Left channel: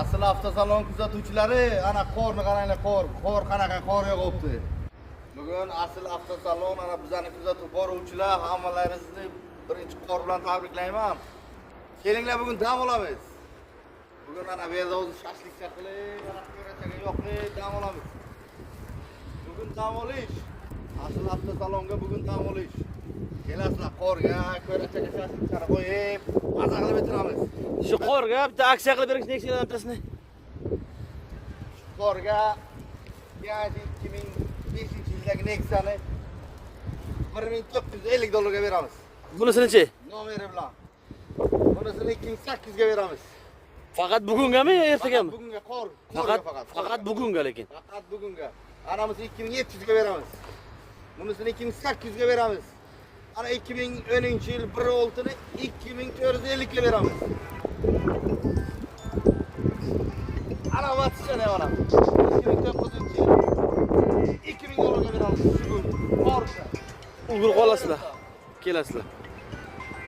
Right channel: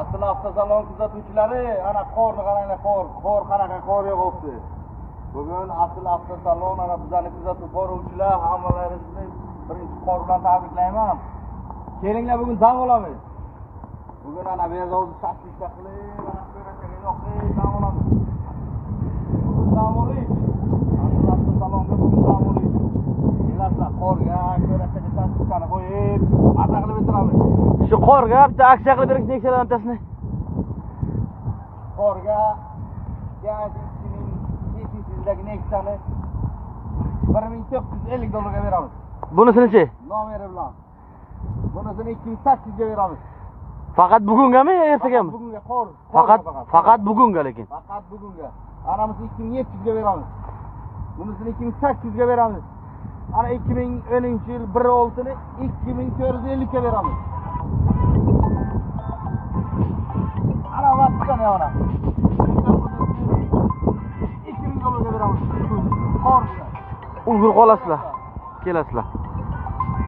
Asıl avtosalon kuzatuvchilari, ana qorni qaranglar, qor qanaqa qor yog'ibdi. Bugun asl avtosalon ana bizani kuzatib boruvchilar hammalaringizni birinchi qor bilan tabriklayman. Kelinglar, bugun dam olamiz. Bugun ana bu yerda o'zi shashlikcha qilib, ana ko'rataga yoqib dam olamiz. Bugun dam olish. Asl avtosalonga bugun dam olish. Kelasizlar qorga, ko'rataga shashlikchani qo'yib, maza qilib o'tiramiz. Shu qorga bitta aksiya qilib berish necha o'ntasini? Qorga yani 2005-yildagi Nexa'ni $1450 ga beramiz. Bunisi-chi? Nomeri bilan. Bunisini 2800 ga beramiz. Faqat bugungami, ertagami? Bugunga qor. Faqat bugunga lekin. Faqat bugunga. Anamizni 2700 ga beramiz. Bunisini 2800 ga beramiz. Ana 2010-yil 1/6ni 2450 ga beramiz. Ana vatishani ona. 2000 $2000 ga beramiz. Bugun qor bilan. Ulgur qolasizlar. Kelasizlar.